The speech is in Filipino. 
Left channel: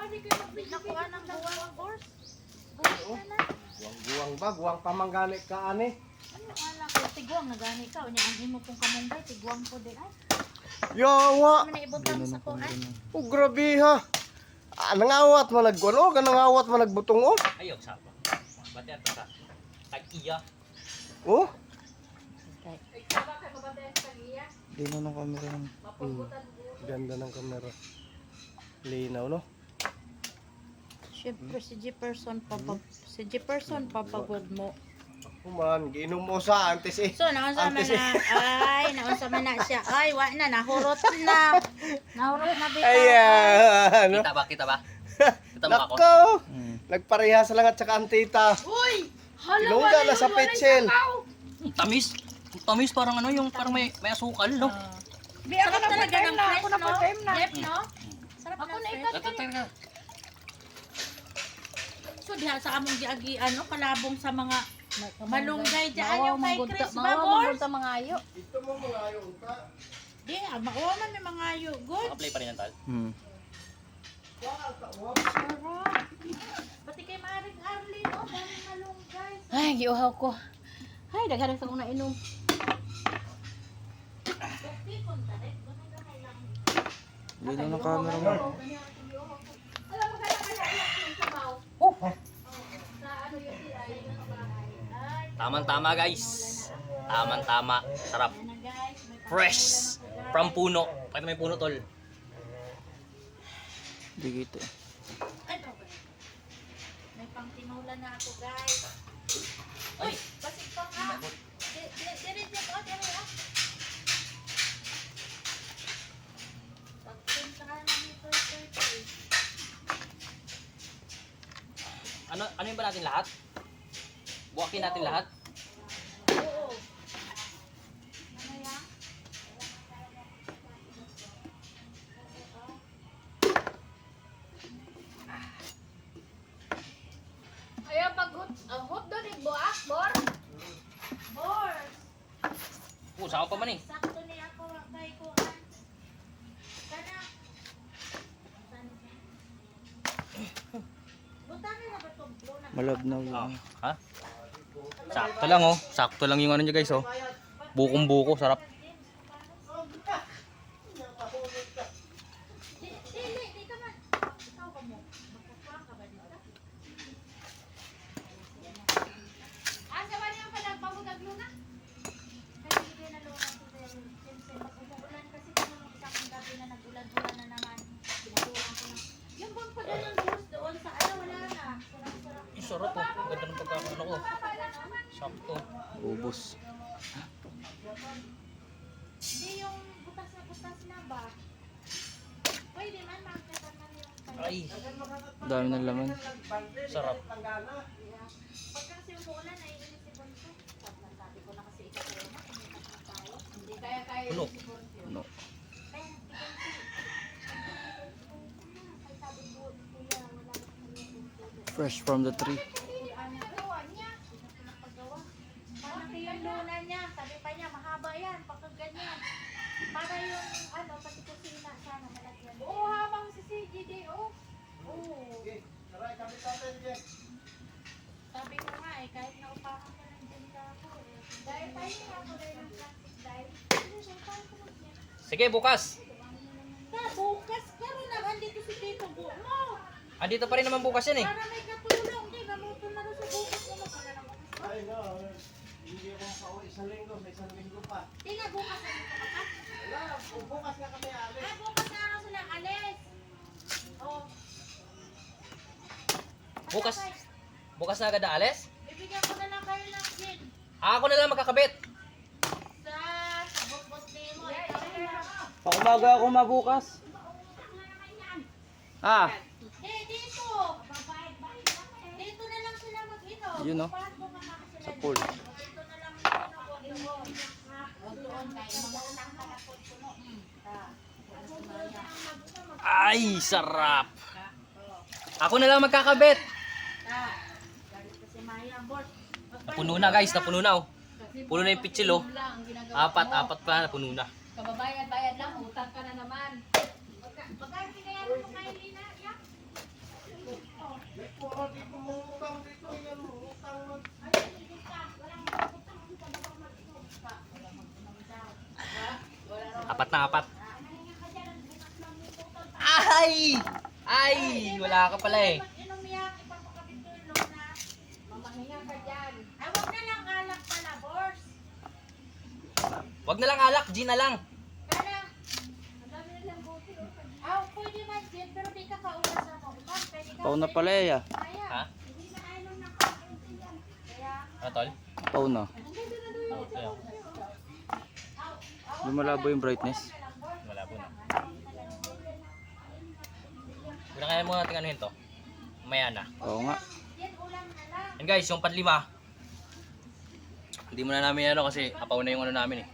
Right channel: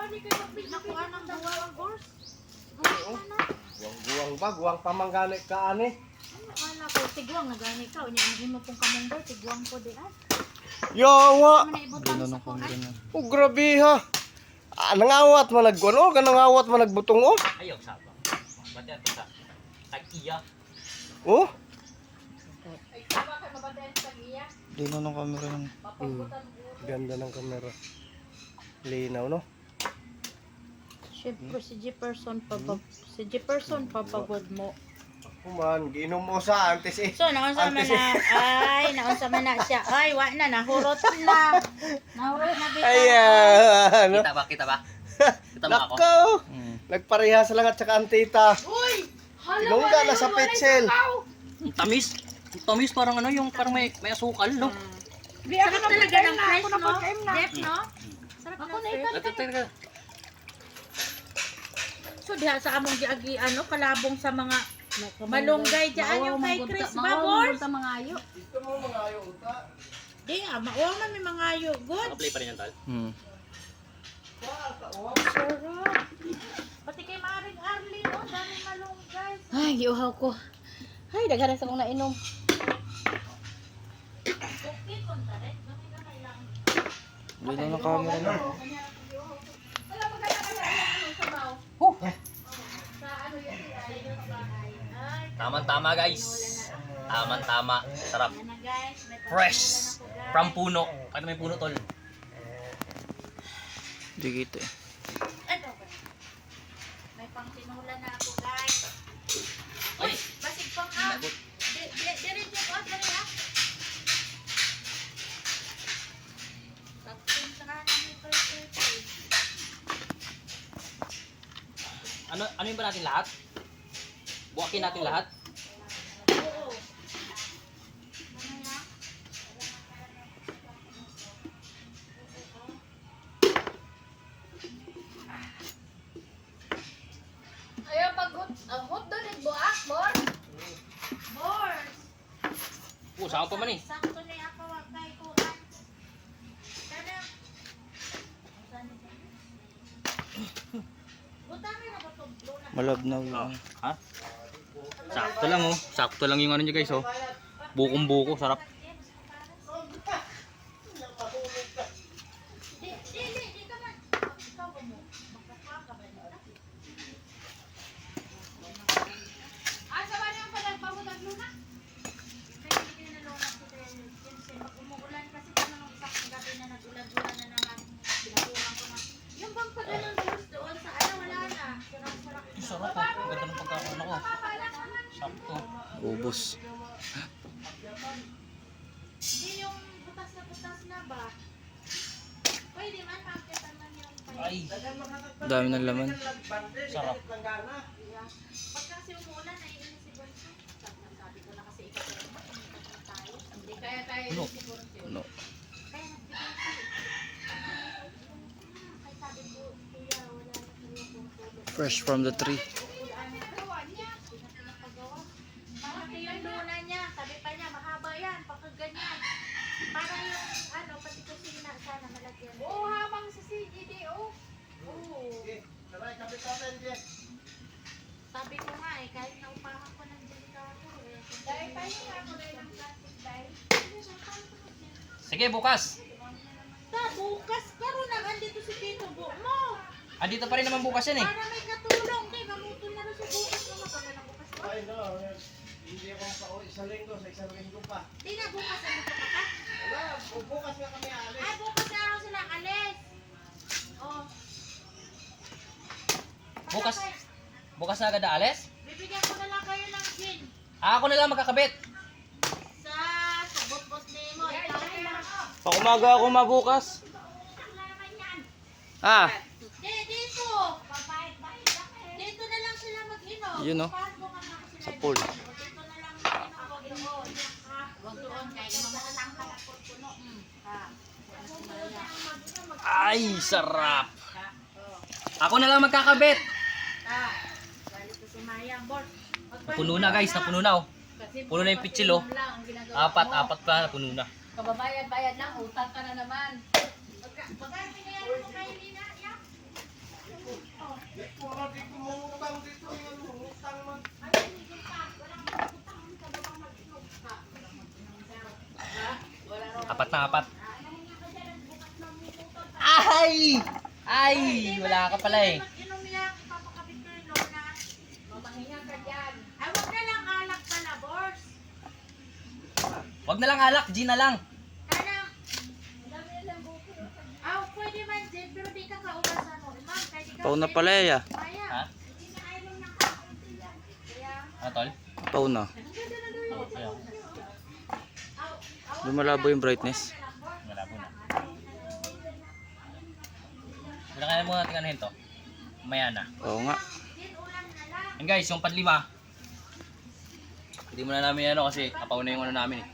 Nakuha ng buwang boss. Guwang ba? Guwang pamanggani ka ani? Ano anak ko? Tiguang na gani ka. Unya ang imo pong kamunggay. Tiguang po din ay. Yawa! Ano na ibutang sa kong ay. Oh, grabe ha! Nangawat man nagguan o, nangawat man nagbutong o. Ayaw sapa. Bati ato sa tag-iya. Oh? Ay, tama kay mabatayan sa iya. Dino ng camera ng... Mapagutan mo. Ganda ng kamera. Linaw no? Siyempre si Jefferson papagod mo. Kuman, giinom mo sa antes eh. So naunsa man na ay naunsa man na siya. Ay wa na nahurot na. Nahurot na bitaw. Ayan! Kita ba? Kita ba? Kita mo ako? Nako! Nagparehas lang at saka antita. Uy! Tinungga na sa pitsel. Tamis. Tamis parang ano yung parang may asukal no? Sarap talaga ng fresh no? Jeff no? Sarap ako na Teka. So diha sa among giagi ano kalabong sa mga malunggay diyan yung kay Chris Babor. Sa mga ayo. Ito mo mga ayaw uta. Di makuha man may mga ayo. Good. Naka-play pa rin yung tal. Sarap. Pati kay Maring Arlene oh, daming malunggay. Ay, giuhaw ko. Ay, daghan sa kong nainom. Okay punta rin. Gamay lang. Dino ng camera mo. Wala maganda kaya ilang sa baw. Sa ano yun ay Tamang-tama guys. Tamang-tama. Sarap. na guys. May Fresh. From puno. Pakita may puno tol. Di kita eh. may pangtinula na ako guys. Ay. Basig pang ah. Diri ko diri ah. Tapos sa kanan nito ito. Ano yung ba natin lahat? Buwakin natin lahat? Oo. Ano yan? Ayaw pag hot doon yung buak, bor. Boars. Saan pa man eh. Sakto na ako kay ko. Kada. Butami na ba to? Malabnaw yung... Ha? Sakto lang oh. Sakto lang yung ano nyo guys oh. Bukong-buko. Sarap. Di ka man. Ikaw ba mo? Magkaka ka ba dito? Asa ba niya pala pamutag luna? Ay, hindi na naman ako din. Kasi pag umuulan kasi kung nung isang gabi na nag-ulan-ulan na naman, pinakulang ko na. Yung bang padalang doon sa ano, wala na. Sarap-sarap. Sarap oh. Ganda ng pagkakano ko. Sakto. Ubus. Hindi yung butas na ba? Pwede man, makakita man yung Ay. Dami ng laman. Sarap. pag kasi umuulan, naiinis si Bonso. Sabi ko na kasi ikaw tayo. Hindi kaya tayo Puno. si Bortio. No. Ay, si Bonso. Ay, sabi ko, kuya, wala na kuya kung tulog. Fresh from the tree. Malaki yung luna niya. Sabi pa niya, mahaba yan. Pagka ganyan. Para yung, ano, pati kusina sana malagyan. Oo, habang si CGD, oh. Oo. Sabi ko nga eh, kahit naupahan ko ng delikado eh. Dahil tayo nga ako na ng plastic dahil. Sige bukas. Bukas, pero naman dito si Tito Bo mo. Andito pa rin naman bukas yan eh. Para may katulong. Kaya gamutol na rin sa bukas naman. Pagka na bukas. Ay no, hindi ako makauwi isang linggo, sa isang linggo pa. Di na bukas ano ka pa? Wala, bukas nga kami alis. Ah, bukas na araw sila alis. Oh. Bukas. Bukas na agad aalis? Bibigyan ko na lang kayo ng kid. Ako na lang magkakabit. Sa bot-bot ni mo. Ikaw na. Pakumaga ako mabukas. Ah, Dito. Dito na lang sila mag-inom. Yun, no? Paano mo nga sila sa pool. dito na lang mag-inom. Wag doon kaya mamatang ka po puno. Ay, sarap. Ako na lang magkakabit. Dito si Mayang boss. Napuno na guys, napuno na oh. Puno na yung pitsil oh. Lang ang ginagawa. Apat pa napuno na. Kababayad-bayad lang, utang ka na naman. Ay! Ay! Wala ka pala eh. Mag-inom yan, ipapakabit ko yung lona. Mamahinga ka dyan. Ay, wag na lang alak pala, Bors. Wag na lang alak, G na lang. Kanang, Madami nilang buko. pwede man din, pero di ka kaulasan mo. Ma'am, pwede ka. Pauna pala ya. Kaya, Ha? hindi na ayaw na kaunti yan. Kaya, Ano tol? Pauna. ang ganda na doon yung Ayaw. Lumalabo yung brightness. Malabo na. Wala kaya mo natin anuhin to. Maya na. Oo nga. Yan, ulam na lang. And guys, yung panlima. Hindi mo na namin ano kasi apaw na yung ano namin eh.